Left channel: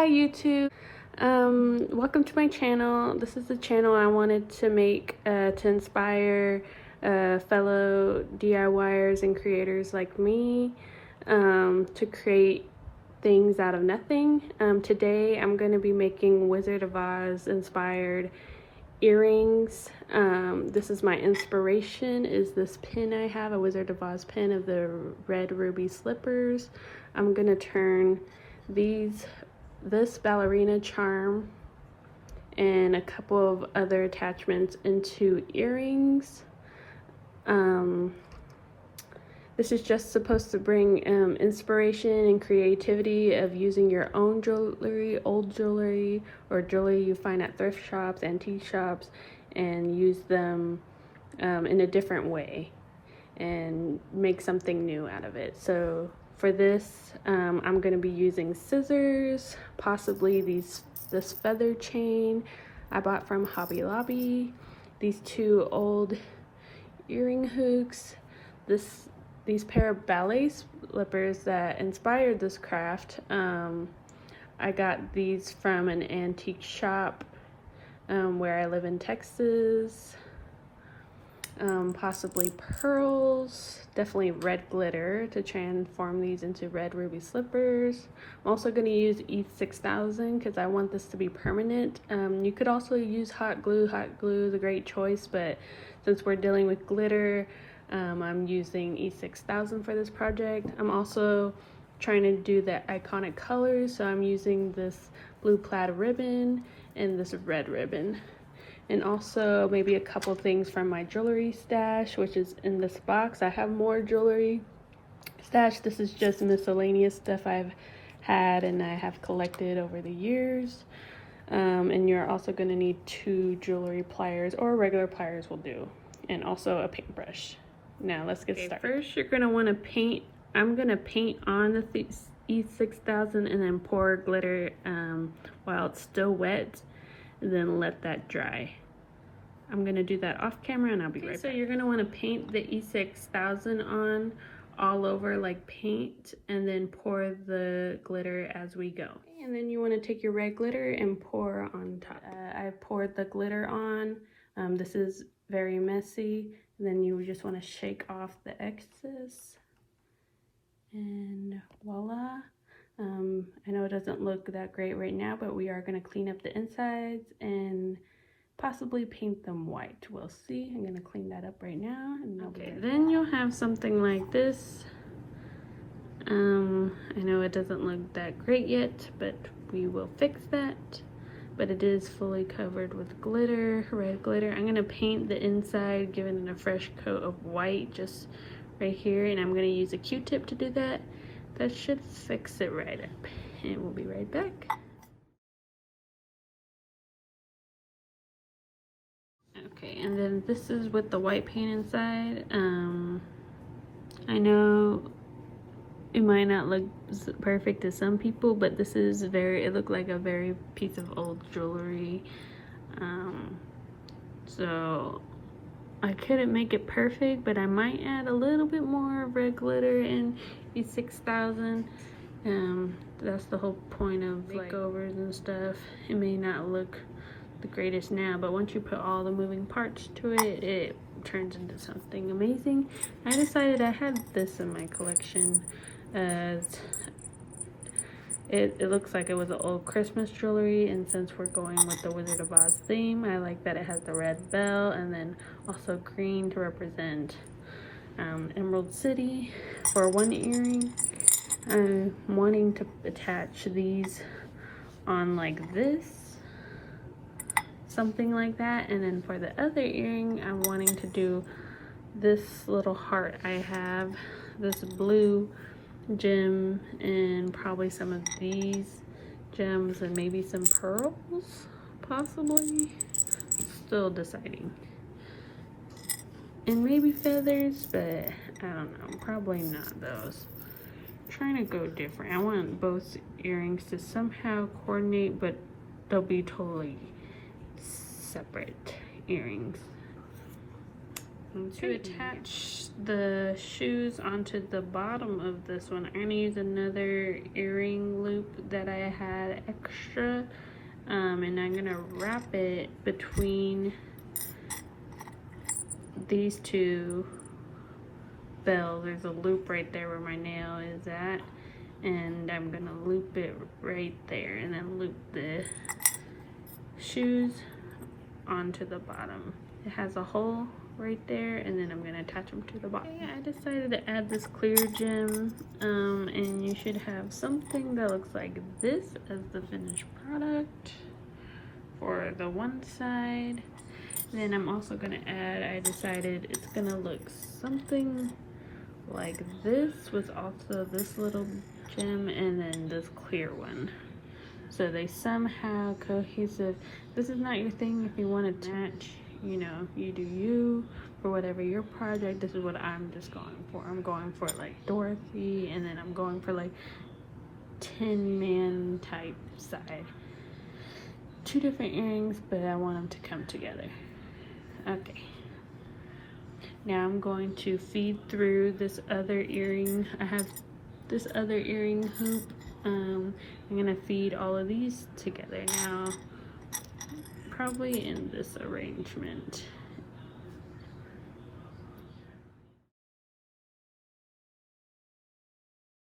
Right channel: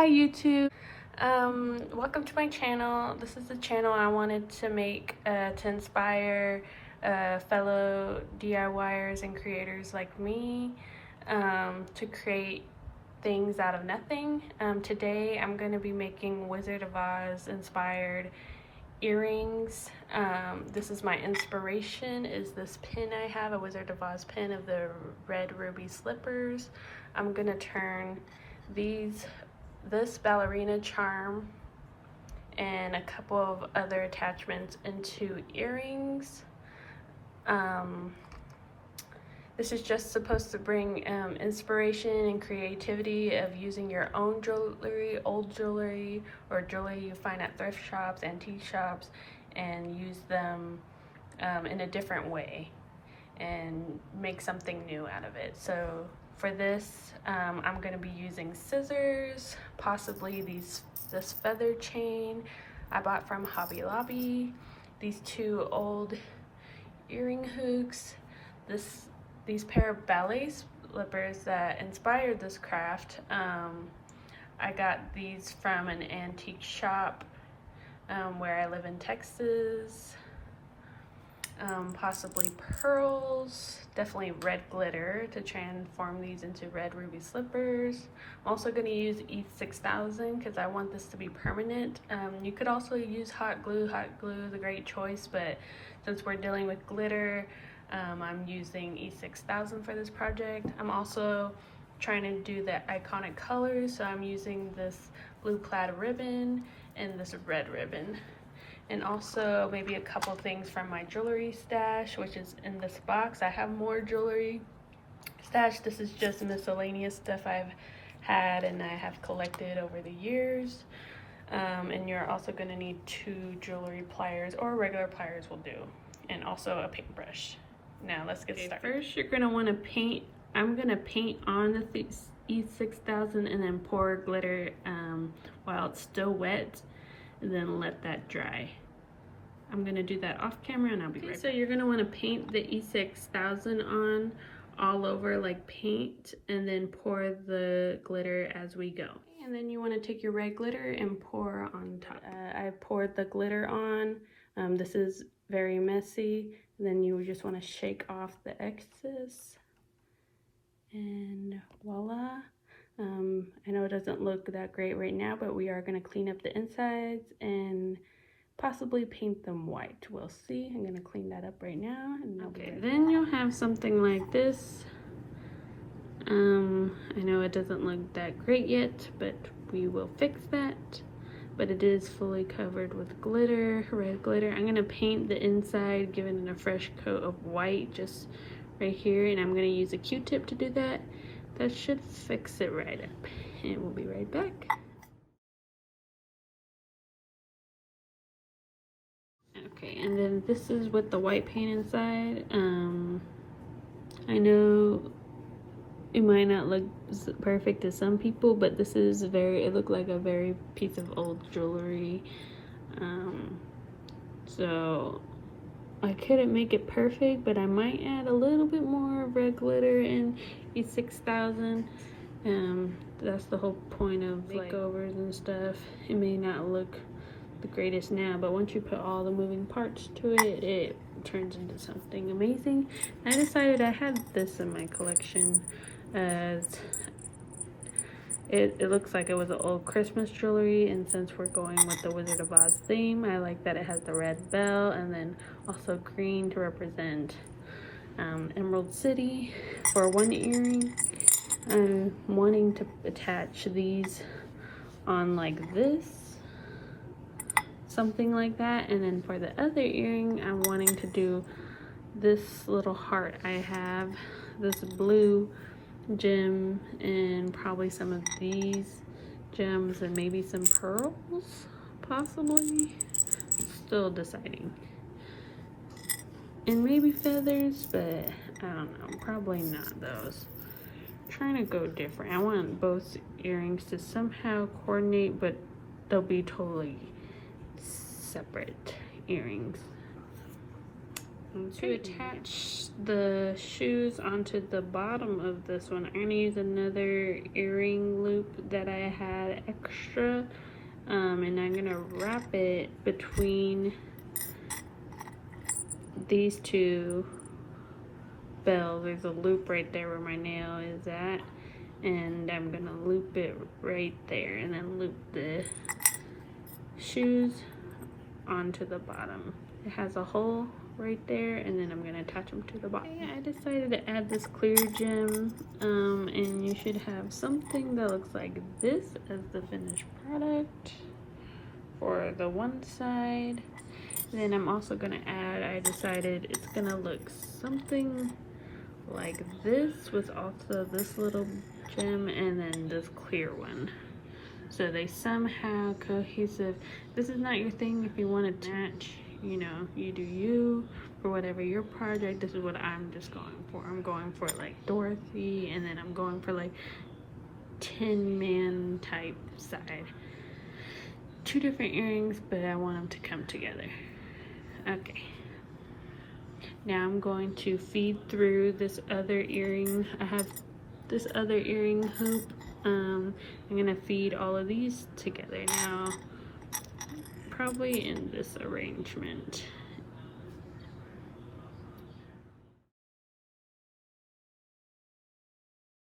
Hi YouTube, welcome to my channel. This is the channel I wanted to make to inspire fellow DIYers and creators like me to create things out of nothing. Today I'm going to be making Wizard of Oz inspired earrings. This is my inspiration, is this pin I have, a Wizard of Oz pin of the red ruby slippers. I'm going to turn this ballerina charm and a couple of other attachments into earrings. This is just supposed to bring inspiration and creativity of using your own jewelry, old jewelry, or jewelry you find at thrift shops, antique shops, and use them in a different way and make something new out of it. So for this, I'm going to be using scissors, possibly this feather chain I bought from Hobby Lobby, these two old earring hooks, these pair of ballet slippers that inspired this craft. I got these from an antique shop where I live in Texas. Possibly pearls, definitely red glitter to transform these into red ruby slippers. I'm also going to use E6000 because I want this to be permanent. You could also use hot glue. Hot glue is a great choice, but since we're dealing with glitter, I'm using E6000 for this project. I'm also trying to do the iconic colors, so I'm using this blue plaid ribbon and this red ribbon. And also maybe a couple things from my jewelry stash, which is in this box. I have more jewelry stash. This is just miscellaneous stuff I've had and I have collected over the years. And you're also going to need 2 jewelry pliers, or regular pliers will do, and also a paintbrush. Now let's get started. First, you're going to want to paint. I'm going to paint on the E6000 and then pour glitter while it's still wet, and then let that dry. I'm gonna do that off camera and I'll be right back. So you're gonna wanna paint the E6000 on all over like paint, and then pour the glitter as we go. And then you wanna take your red glitter and pour on top. I poured the glitter on. This is very messy. And then you just wanna shake off the excess. And voila. I know it doesn't look that great right now, but we are going to clean up the insides and possibly paint them white. We'll see. I'm going to clean that up right now. And okay, then you'll have something like this. I know it doesn't look that great yet, but we will fix that. But it is fully covered with glitter, red glitter. I'm going to paint the inside, giving it a fresh coat of white just right here. And I'm going to use a Q-tip to do that. That should fix it right up, and we'll be right back. Okay, and then this is with the white paint inside. I know it might not look perfect to some people, but this is it looked like a very piece of old jewelry. So I couldn't make it perfect, but I might add a little bit more red glitter in E6000. That's the whole point of makeovers and stuff. It may not look the greatest now, but once you put all the moving parts to it, it turns into something amazing. I decided I had this in my collection as it looks like it was an old Christmas jewelry, and since we're going with the Wizard of Oz theme, I like that it has the red bell and then also green to represent Emerald City for one earring. I'm wanting to attach these on like this, something like that, and then for the other earring, I'm wanting to do this little heart. I have this blue gem and probably some of these gems and maybe some pearls, possibly. Still deciding. And maybe feathers, but I don't know, probably not those. I'm trying to go different. I want both earrings to somehow coordinate, but they'll be totally separate earrings. To attach the shoes onto the bottom of this one, I'm gonna use another earring loop that I had extra, and I'm gonna wrap it between these two bells. There's a loop right there where my nail is at, and I'm gonna loop it right there and then loop the shoes onto the bottom. It has a hole right there, and then I'm gonna attach them to the bottom. Okay, I decided to add this clear gem, and you should have something that looks like this as the finished product for the one side. Then I'm also gonna add, I decided it's gonna look something like this with also this little gem and then this clear one, so they somehow cohesive. This is not your thing. If you want to match, you know, you do you for whatever your project. This is what I'm just going for. I'm going for like Dorothy, and then I'm going for like Tin Man type side. Two different earrings, but I want them to come together. Okay, now I'm going to feed through this other earring. I have this other earring hoop. I'm gonna feed all of these together now, probably in this arrangement.